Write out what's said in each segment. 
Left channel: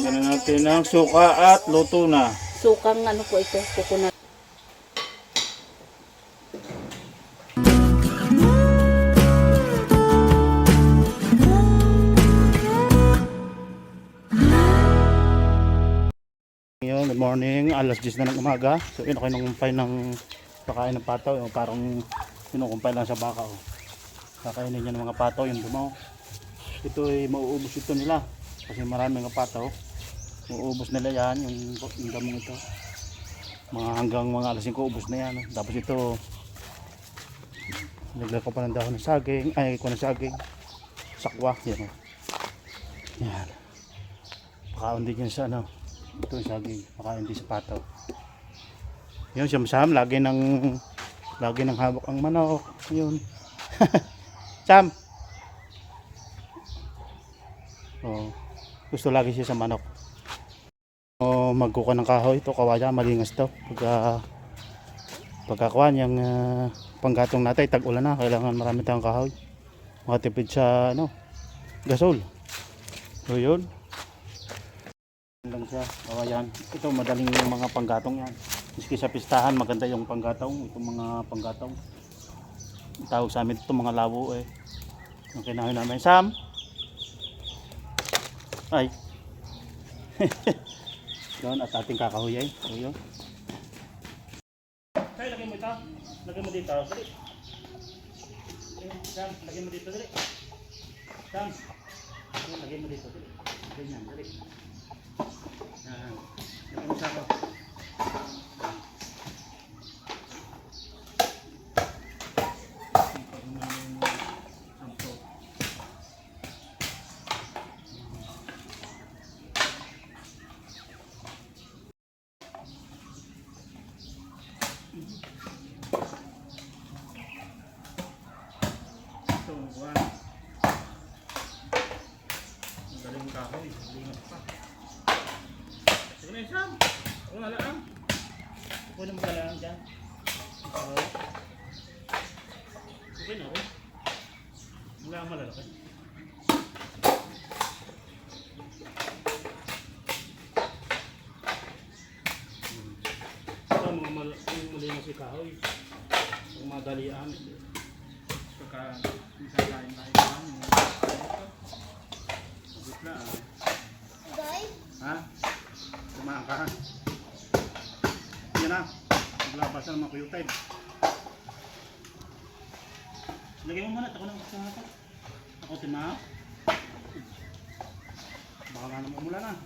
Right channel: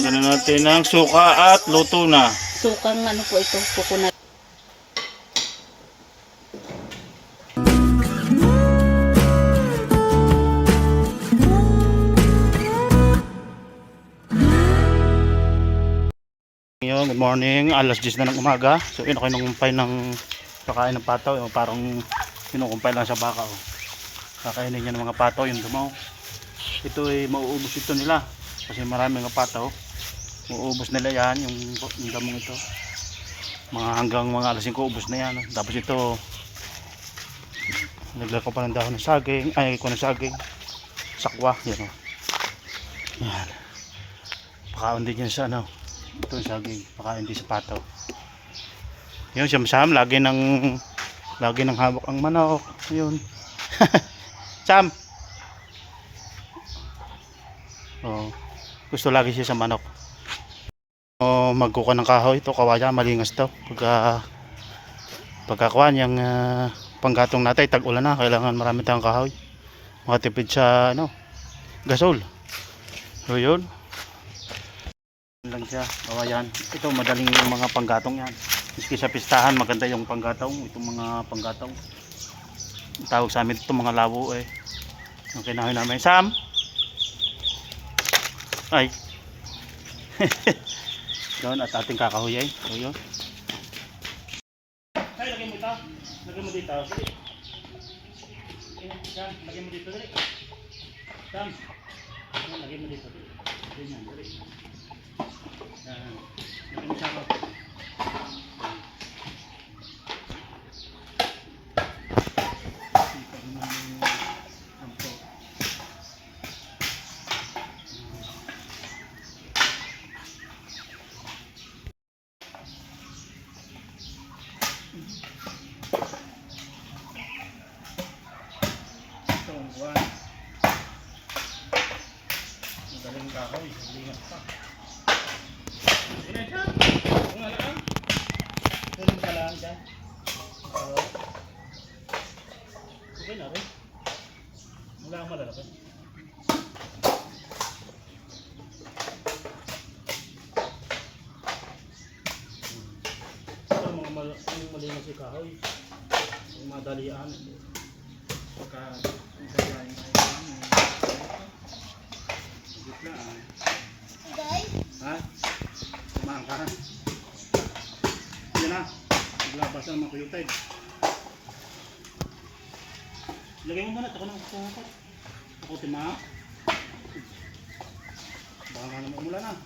Lagyan na natin ng suka at luto na. Sukang ano po ito, coconut. Good morning, alas 10 na ng umaga. So yun ako inukumpay ng pakain ng pataw. Yung parang inukumpay lang sa baka. Oh. Kakainin niya ng mga pataw yung dumaw. Ito ay mauubos ito nila. Kasi marami mga pataw. Mauubos nila yan yung damong ito. Mga hanggang mga alas 5 ubos na yan. Tapos ito naglako pa ng dahon ng saging. Ay ko ng saging. Sakwa. Yan o. Yan. Pakaon din yan sa ano. Ito yung saging, baka hindi sa pataw. Yun, Sam, lagi ng hawak ang manok. Yun. Sam. Oh, gusto lagi siya sa manok. Oh, magkuka ng kahoy ito, kawaya, malingas to. Pagkakuan yung panggatong natin, tag-ulan na, kailangan marami tayong kahoy. Makatipid sa ano, gasol. So yun. Lang siya, kawayan. Ito madaling yung mga panggatong yan. Miski sa pistahan maganda yung panggatong. Itong mga panggatong. Tawag sa amin ito mga labo eh. Yung kinahoy namin. Sam! Ay! Doon at ating kakahuyay. So yun. Ay, lagay mo ito. Lagay mo dito. Dali. Sam, lagay mo dito. Dali. Sam. Lagay mo dito. Dali. Ganyan. Dali. Yan sa ako. Itong buwan. Madaling kahoy. Lingat pa. Wala lang. Pwede mo lang dyan. Okay na rin. Wala ang malalaki. Ito mga malinis si kahoy. Yung mga dalian. Pagka isang lain tayo. Bigla ah. Ha? Samahan ka ha? Yan na. Naglabas na mga kuyutay. Lagay mo muna. Ako na ako. Ako tima. Baka nga naman umula na.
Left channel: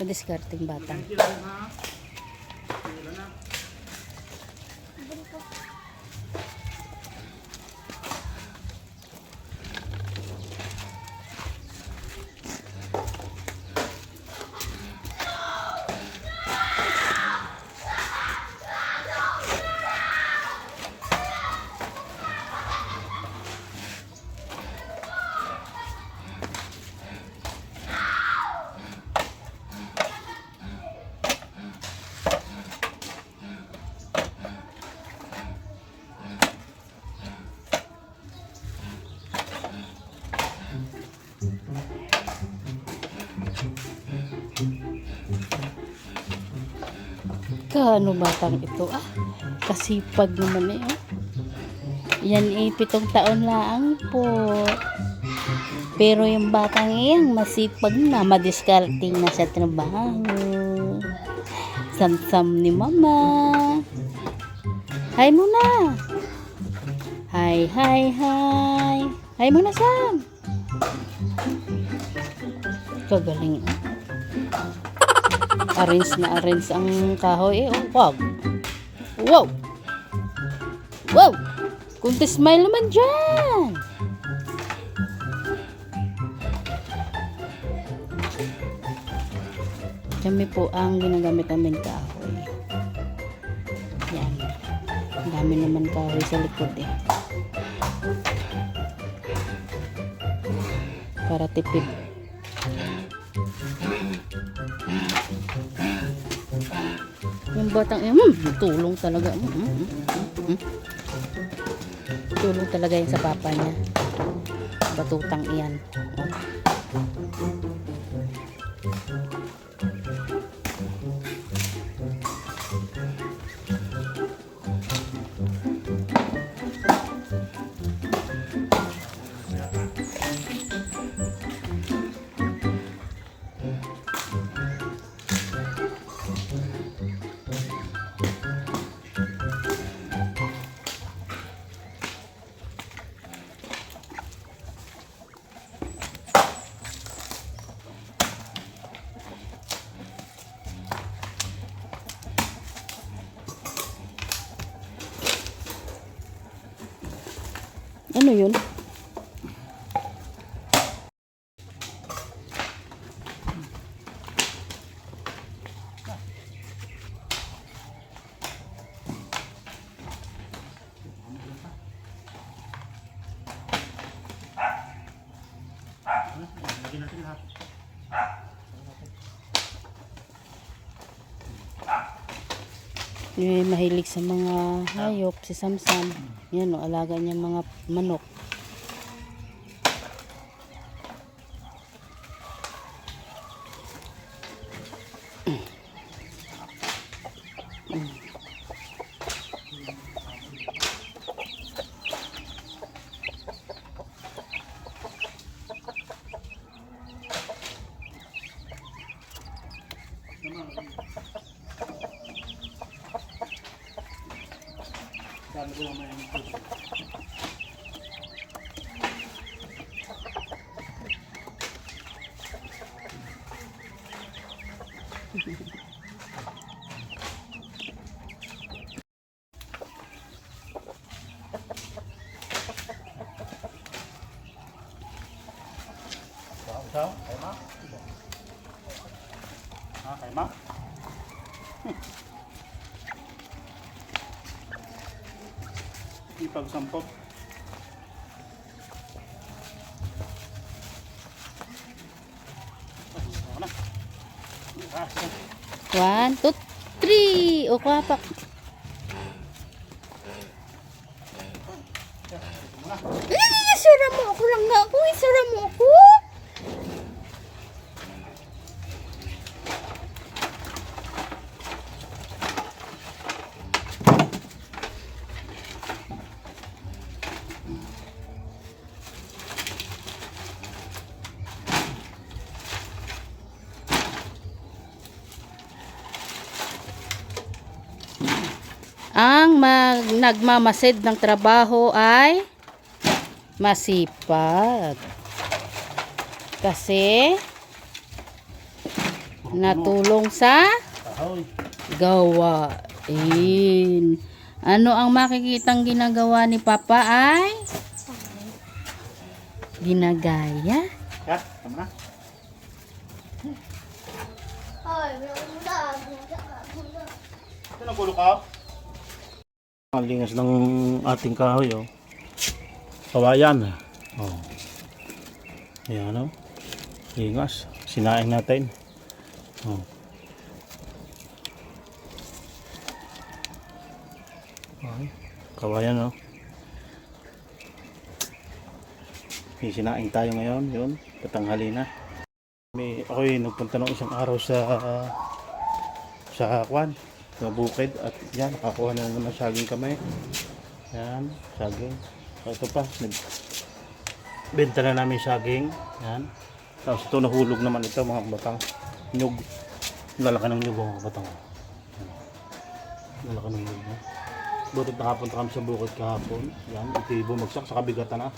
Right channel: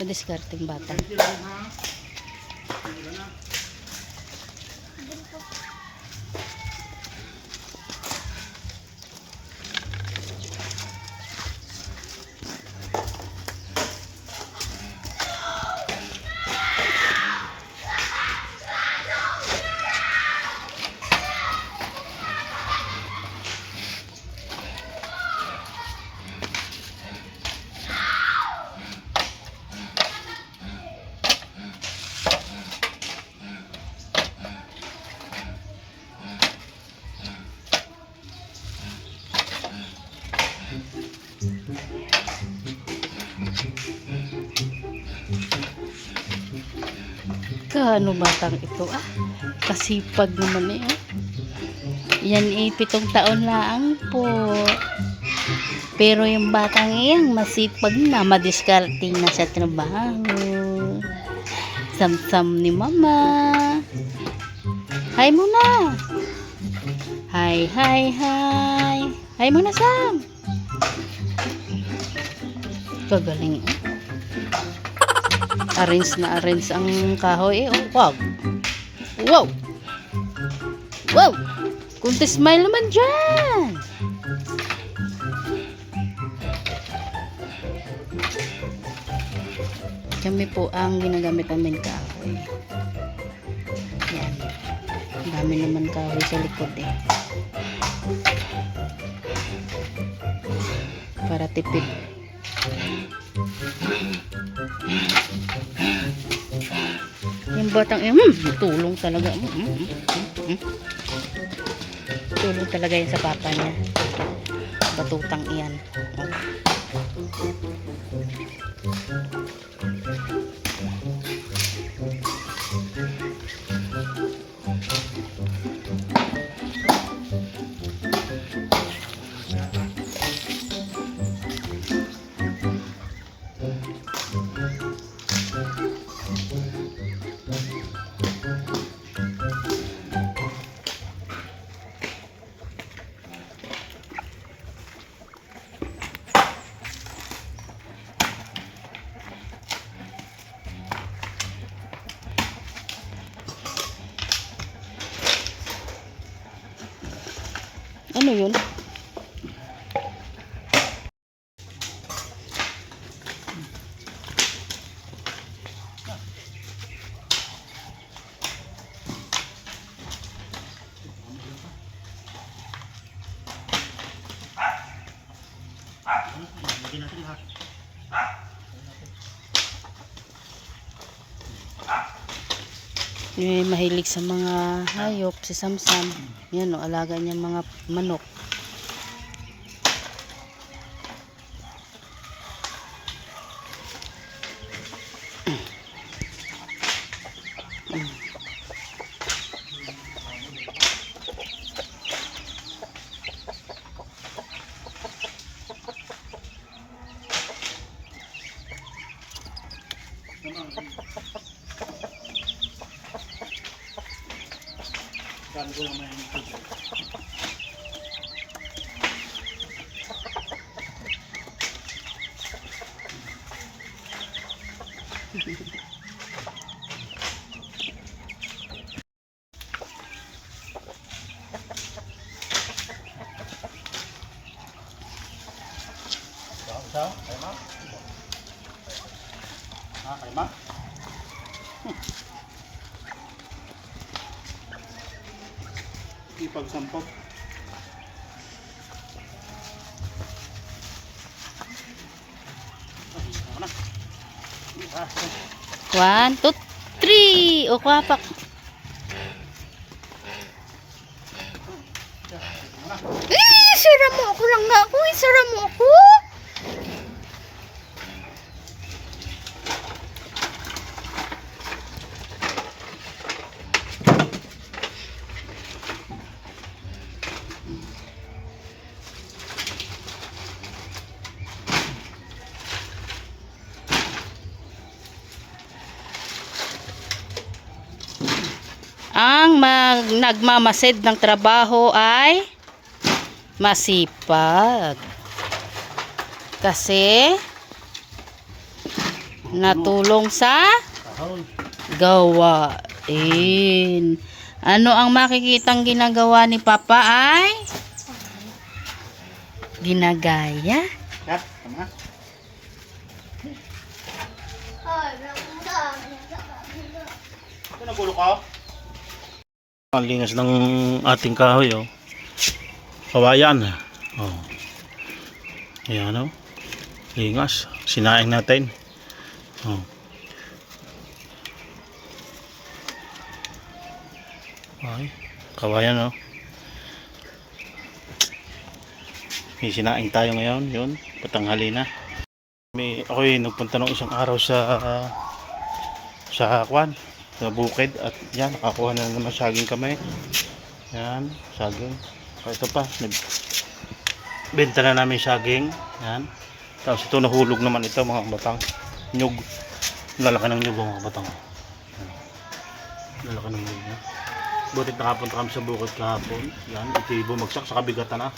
Discarding bata. Kaano batang ito ah? Kasipag naman eh. Yan eh, 7 taon lang po. Pero yung batang iyang masipag na, madiskarting na sa trabaho. Sam-sam ni mama. Hi muna. Hi, hi, hi. Hi muna, Sam. Kagaling eh. Arrange na arrange ang kahoy eh. Oh, wow. Wow. Wow. Kunti smile naman dyan. Kami po ang ginagamit namin kahoy. Yan. Ang dami naman kahoy sa likod eh. Para tipid. Yung batang tulong talaga. Tulong talaga yan sa papa niya. Batutang iyan. Ano yun? Lagyan natin lahat. Mahilig sa mga hayop si Samsam. Yan o, alaga niya mga manok. Dami ko naman yung tubig. Sao? Kay ma? Ha, kay ma? Ipagsampok. One, two, three. O, kwapak. Sara mo ako lang nga ako. Sara mo ako. Ang nagmamasid ng trabaho ay masipag. Kasi natulong sa gawain. Ano ang makikitang ginagawa ni Papa ay ginagaya. Ya, tama na. Ito na kulo ka. Ang lingas ng ating kahoy, oh. Kawayan. Oh. Ayan, oh. Lingas. Sinaing natin. Oh. Ay, kawayan, oh. May sinaing tayo ngayon, yun. Patanghali na. Ako'y nagpunta ng isang araw sa Kwan. Sa bukid at yan, nakakuha na naman saging kami. Yan, saging. Ito pa, benta na namin saging. Yan. Tapos ito nahulog naman ito mga batang nyug. Lalaki ng nyug mga batang. Lalaki ng nyug. Butit nakapunta kami sa bukid kahapon. Yan, ito bumagsak sa kabigatan na.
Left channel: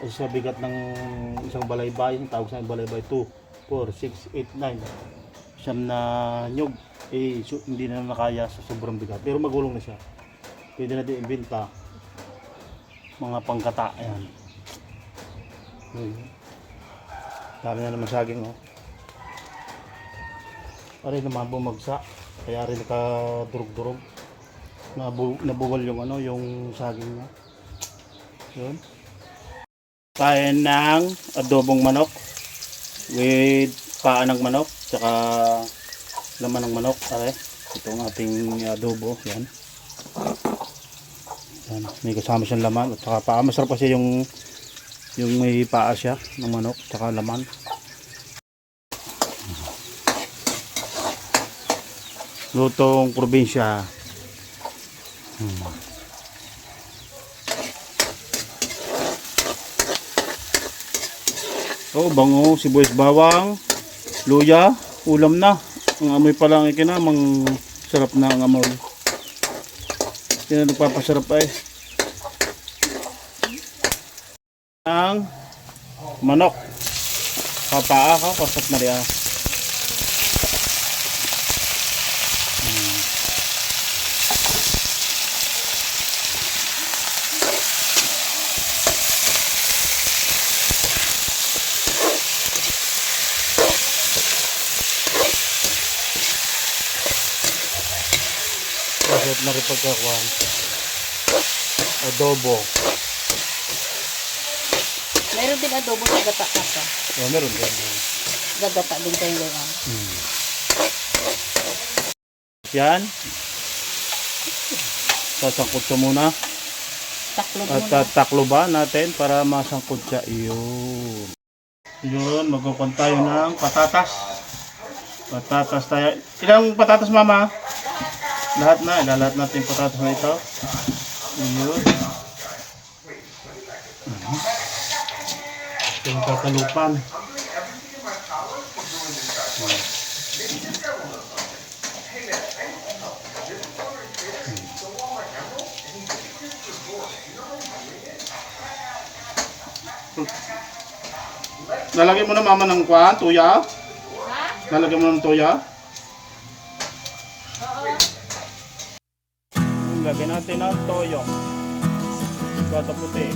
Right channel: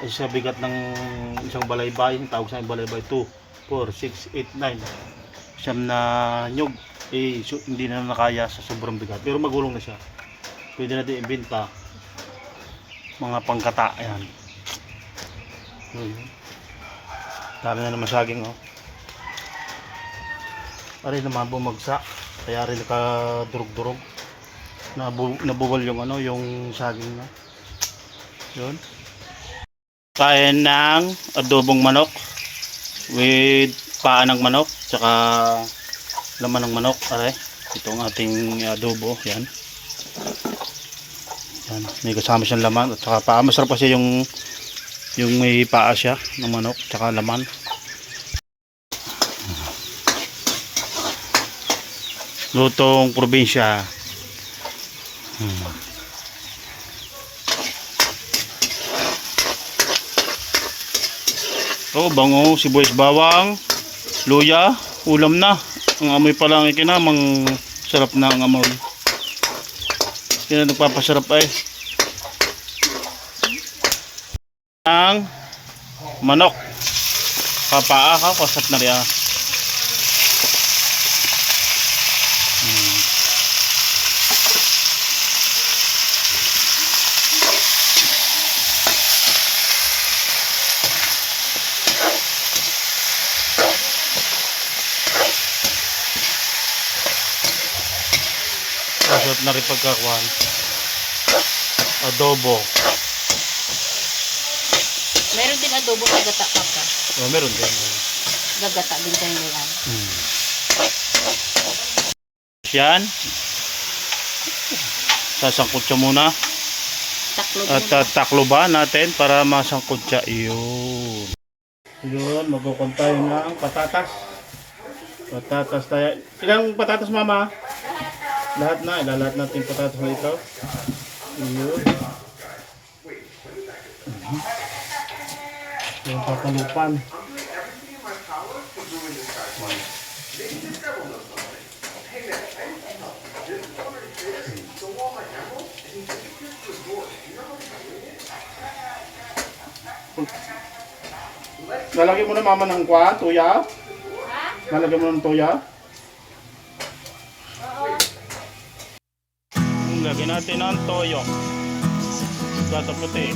Kasi sa bigat ng isang balaybay, tawag sa balaybay 2, 4, 6, 8, 9. Siyam na nyug. Hindi na nakaya sa sobrang bigat, pero magulong na siya. Pwede natin ibenta mga pangkata. Ayan, dami na naman saging, oh. Pare naman bumagsak, kaya rin nakadurog-durog. Nabubol yung ano, yung saging niya. Yun. Kain ng adobong manok with paa ng manok tsaka laman ng manok. Aray, itong ating adobo. Yan. Yan. May kasama siyang laman at saka paa. Masarap kasi yung may paa siya ng manok tsaka laman. Lutong probinsya. Oh, bango, sibuyas, bawang, luya, ulam na. Ang amoy pa lang ikinamang sarap na ang amoy. Yan ang nagpapasarap ay. Ang manok. Kapaa ka, kasat na rin. Kasat na rin pagkakuhan. Adobo. Meron din adobo sa gata pa. Oh, meron din. Gagata din kayo yan. Yan. Sasangkot siya muna. Taklo At takloban natin para masangkot siya. Yun. Yun, magkukon tayo ng patatas. Patatas tayo. Ilang patatas, mama? Lahat na. Ilalat natin yung patatas na ito. Yun. Yung kakalupan. Lalagyan mo na mama ng kwan, tuya? Lalagyan mo ng tuya? Lagyan natin ng toyo. Gata puti.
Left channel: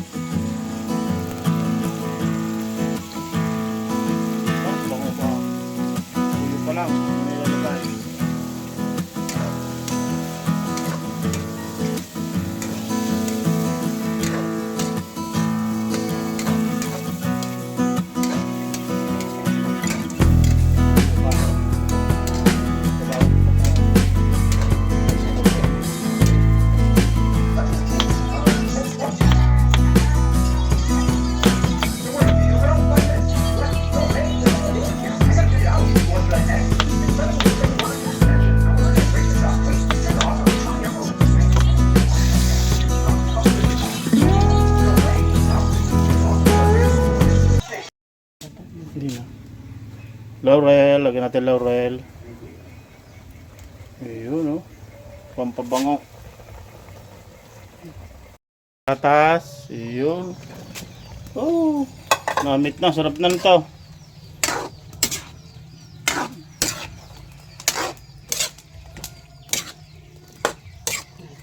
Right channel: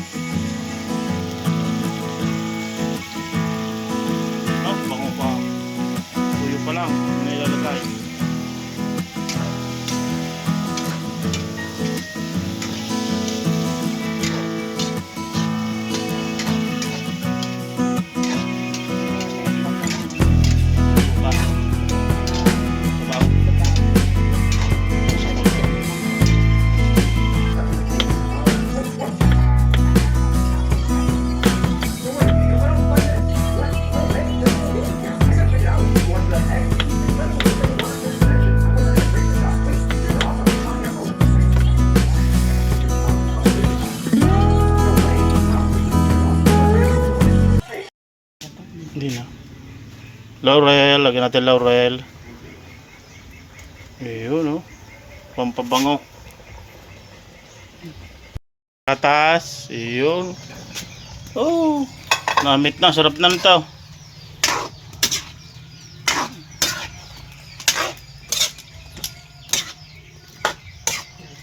Bango pa. Tuyo pa lang. Nilalagay. Hindi na. Laurel, lagyan natin laurel. Ayun, oh. Pampabango. Patas, ayun. Oh, namit na, sarap na nito.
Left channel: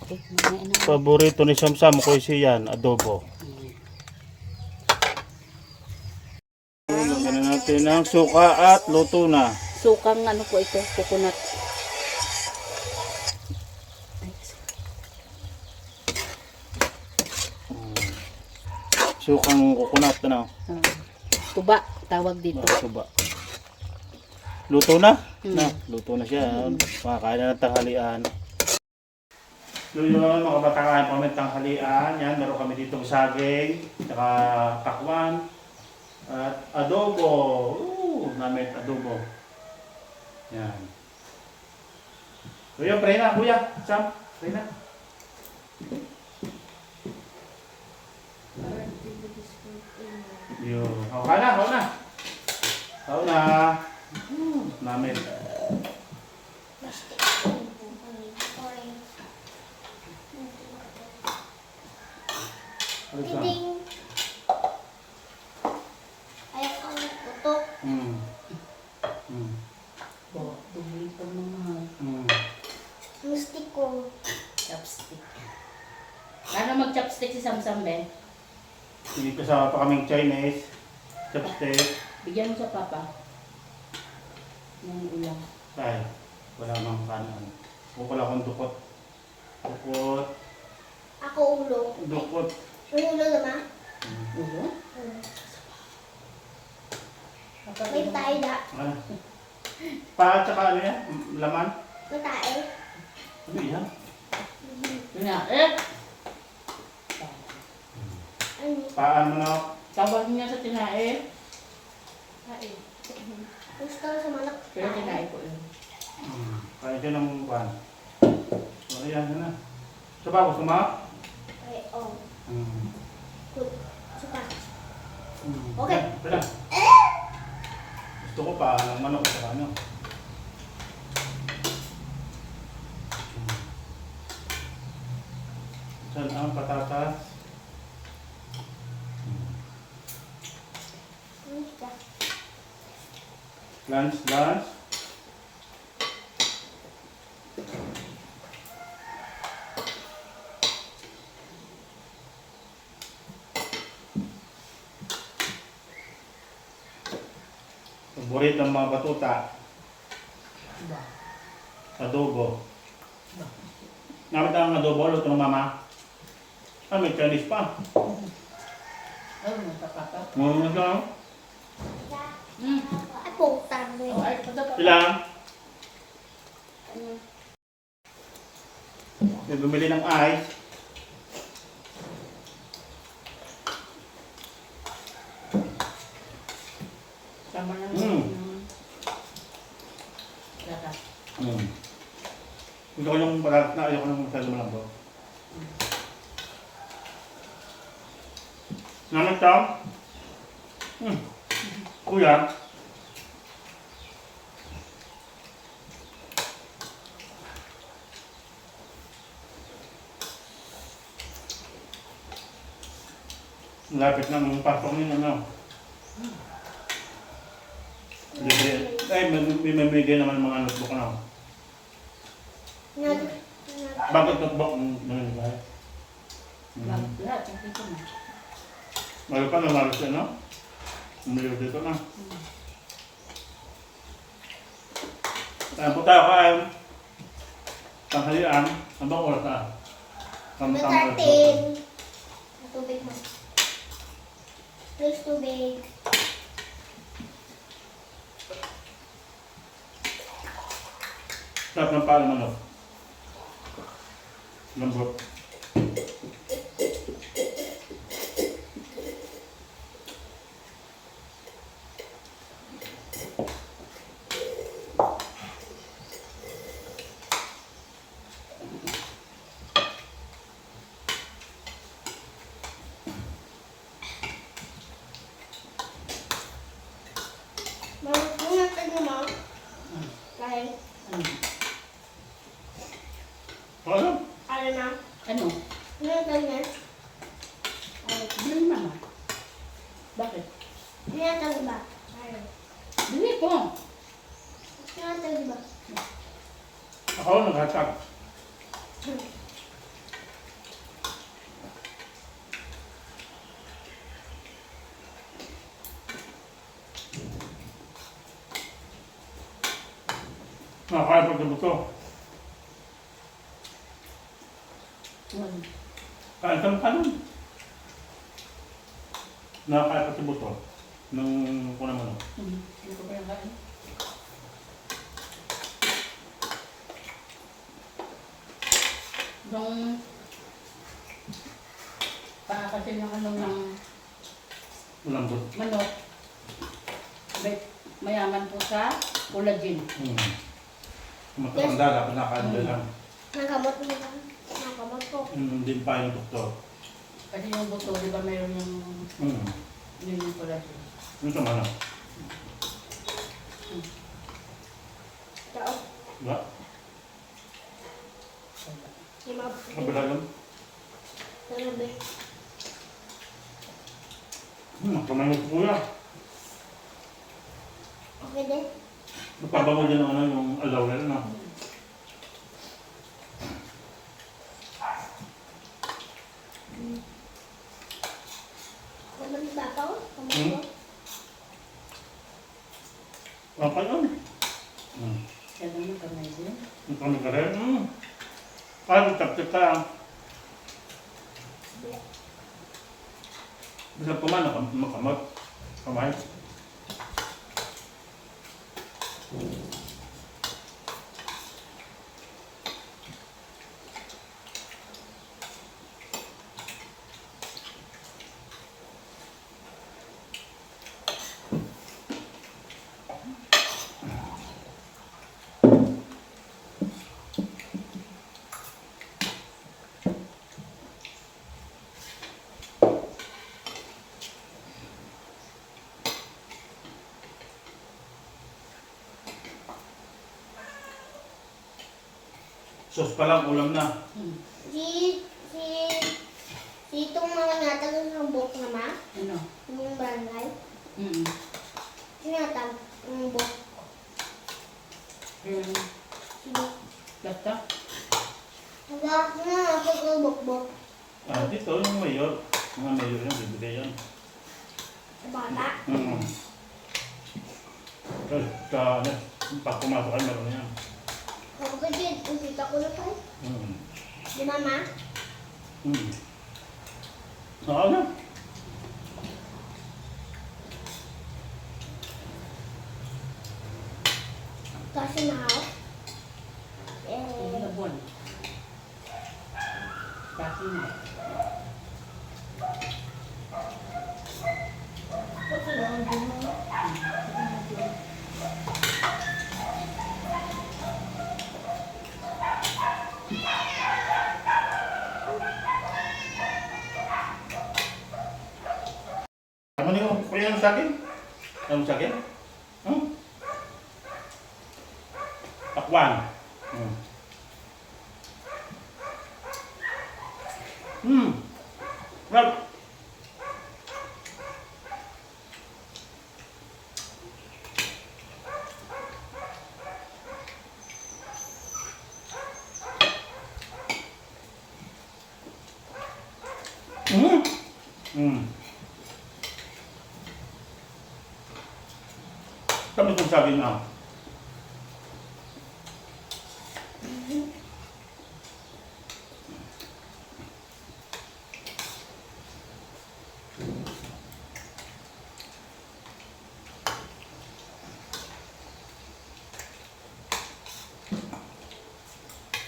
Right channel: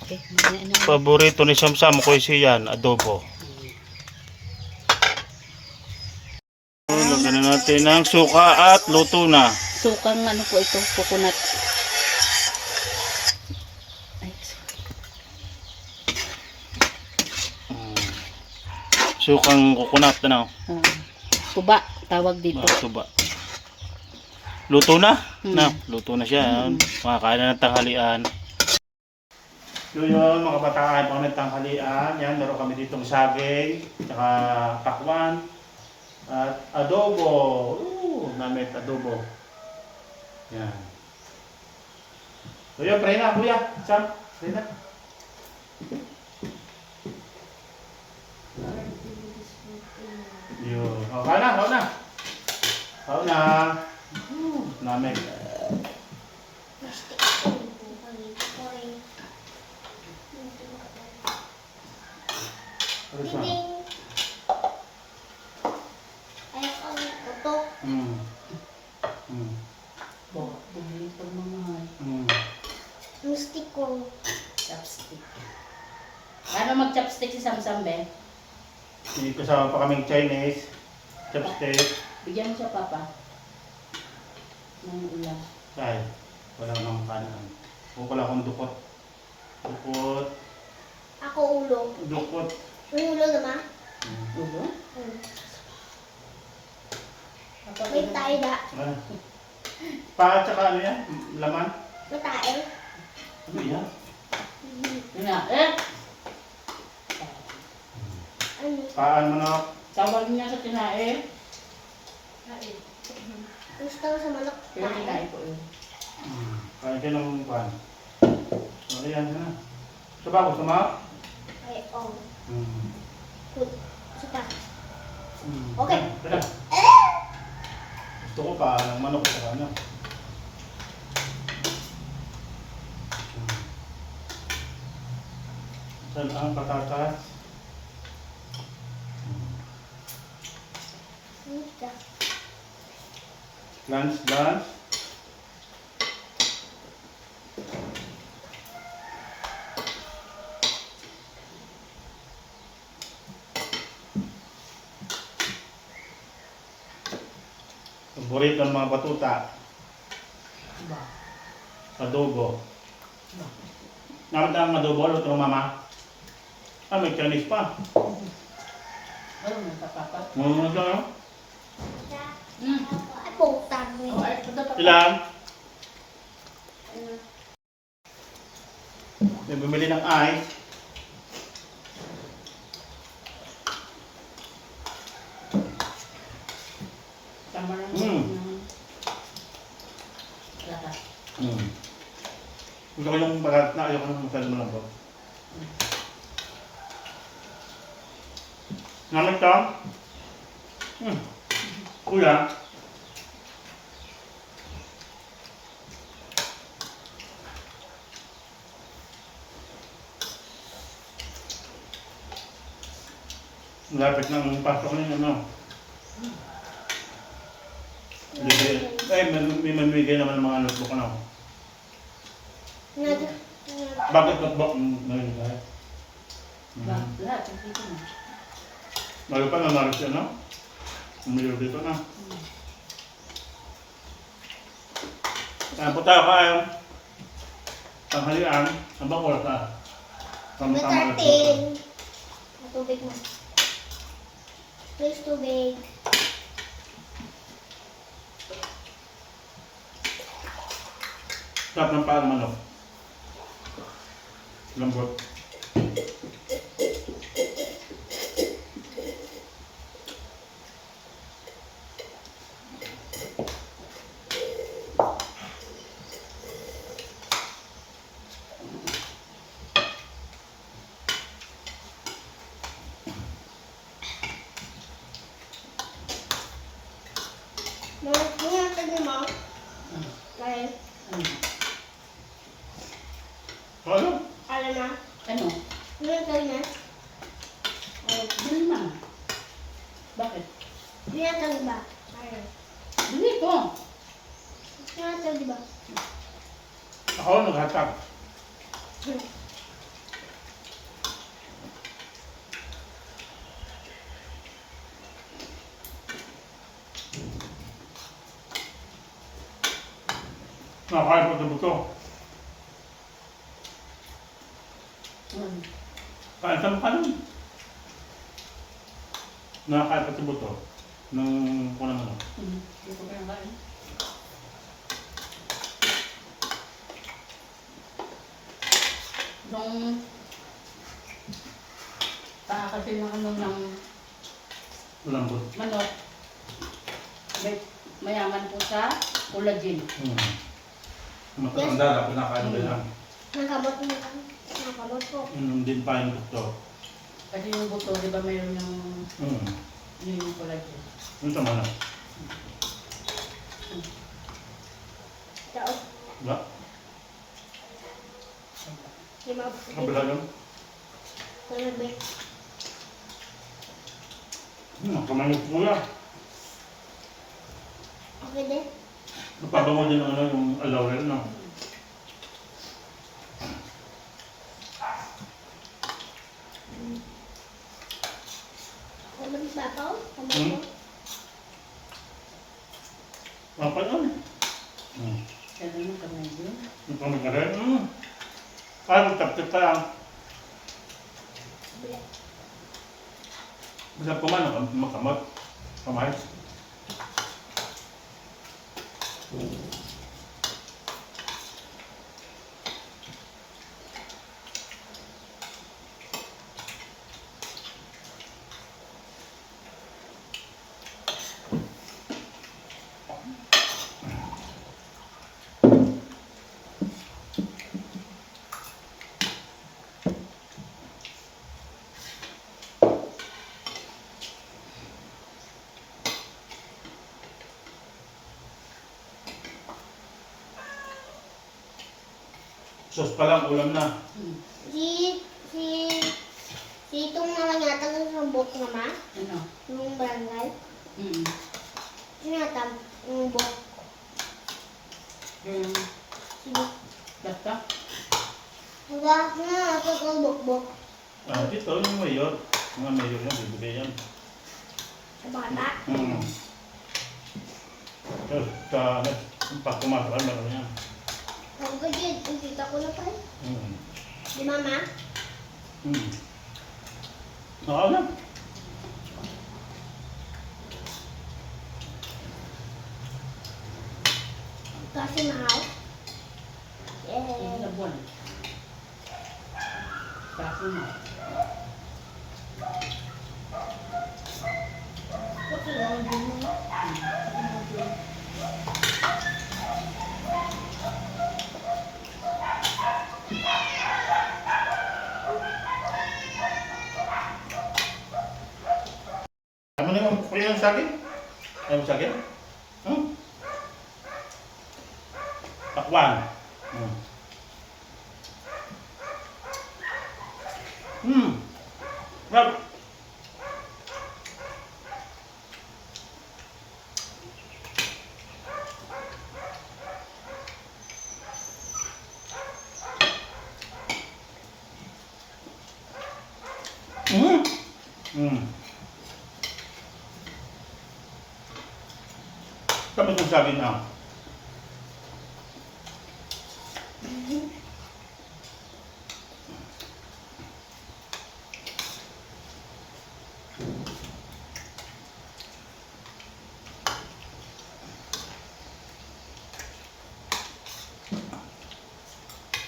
Okay, Paborito ni Samsam ko yan, adobo. Lagyan na natin ng suka at luto na. sukang ano po ito, coconut. Sukang coconut, ano? Tuba, tawag dito. Tuba. Luto na? Hmm. Na, luto na siya. Makakain na ng tanghalian. So yun, mga kabataan, kami tanghalian. Yan, meron kami ditong saging, saka pakwan, at adobo. Namit adobo. Yan. So yun, pray na, kuya. Sam, pray na. Yun. O, kain na, kain na. Kain na. Namit. Ano siya? Bumili pa mga Gusti ko. chopstick. Paano mag-chopstick si Samsam, Ben? Hindi kasama pa kaming Chinese. Chopstick. Bigyan mo siya, Papa. Ng ulam. Ay, wala nang kanan. Kung wala akong dukot. Dukot. Ako ulo. Dukot. May ulo naman. Ulo? Hmm. May tayo da. Ano? Paa at saka ano yan? Laman? May tayo. Ano yan? Tinae. Ano? Paan mo na. Tawag niya sa tinae. Gusto ko sa manok. Pero tinae ko yun. Kaya ka ng pan. Ano yan na? Ito ba? Gusto mo? Ay, oh. Hmm. Good. Suka. Hmm. Okay. Ito lang. Gusto ko pa ng manok at saka ano. Saan ang patatas? Lunch. Paborito ng mga batuta. Ba? Adobo. Namit ang adobo, luto ng mama. Ah, may Chinese pa. Ano na tapapat? Ano ito? Ay, putang Oh, mo. ay, ito dapat. Ilang? May bumili ng ice. Tama lang. Lakas. Gusto ko yung balat na ayoko ng masyado malambot. Namit ka? Kuya? Lapit ng pasok ng ano. May mamigay naman ng mga notebook na. Bakit notebook? Maraming tayo. Lahat, dito na. Bago pa namalas yan, no? Umiyo dito na. Kaya po tayo kayo. Tanghalian. Ang bang oras na? May 13. Tubig mo. Please, tubig. Sarap ng palang manok. Lambot. Mga tayo mo. Kahit. Ano? Ano? Alam na. Ano? Mga tayo na. Oh, bili naman. Bakit? Mga tayo ba? Ayaw. Bili ko. Mga tayo di ba? Ako, naghatag. Nakakaya pa sa buto. Kain ka ng kanin. Nakakaya pa sa buto. Nung kunang ano. Hindi ko pa yung kain. Nung kasi ng ano ng Malambot. manok, mayaman po sa collagen. Matatanda na, pinakain ba lang. Nagkamot mo lang. Nagkamot ko. Din pa yung doktor. Kasi yung buto, di ba mayroon Hmm. yung collagen. Yung sama na. Tao. Diba? Lima. Kabila yun. Talabi. Kamayos ko kuya. Okay din. Napabango din ang ano, yung alaw na yun. Kamu di bapaw? Kamu Hmm. ko? Apa yun? Kaya naman kamay din. Yung kami ka rin. Ay, magtapit ka lang. Bila. Bisa po man, makamot. Kamay. Sos pa lang, ulam na. Si, si, si itong mga natag ng hambok nga ma, Ano? yung barangay. Mm. Sinatag ng bok. Mm. Si bok. Basta? Hanggang na natag ng bok-bok. Ah, dito yung mayor. Mga mayor yung bibigay yan. Sa bata. So, sa, ano, pag kumakain, meron yan. Ako ka dyan, ang tita ko na pa. Mm. Di mama? Mm. Oo na. Kasi mahal. Ilang na buwan? Kasi na. Kasi lang, di mo. Ano na yung kuya yung saging? Ano yung saging? Hmm? Takwan. Hmm. Hmm. Rob. Hmm. Hmm. Kamu itong saging ah.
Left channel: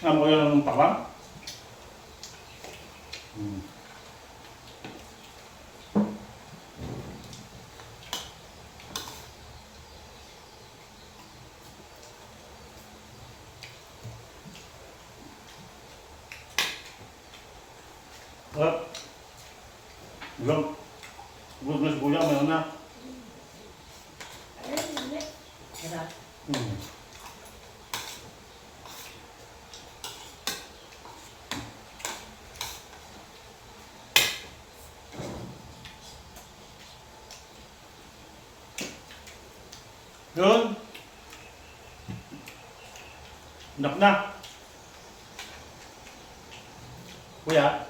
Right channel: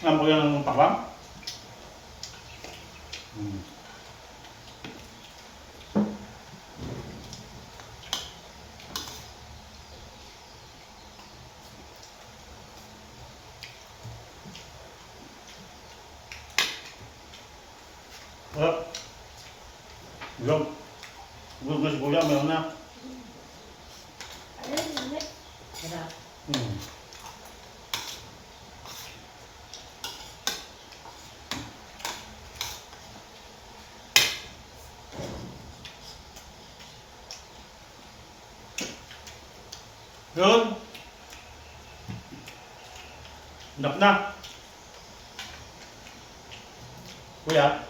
Ano ko yan ng takwan? Hmm. Sarap. Gulam. Gulam, meron na. Ayun, mami. Sarap. Hmm. Yun. Nap na. Kuya.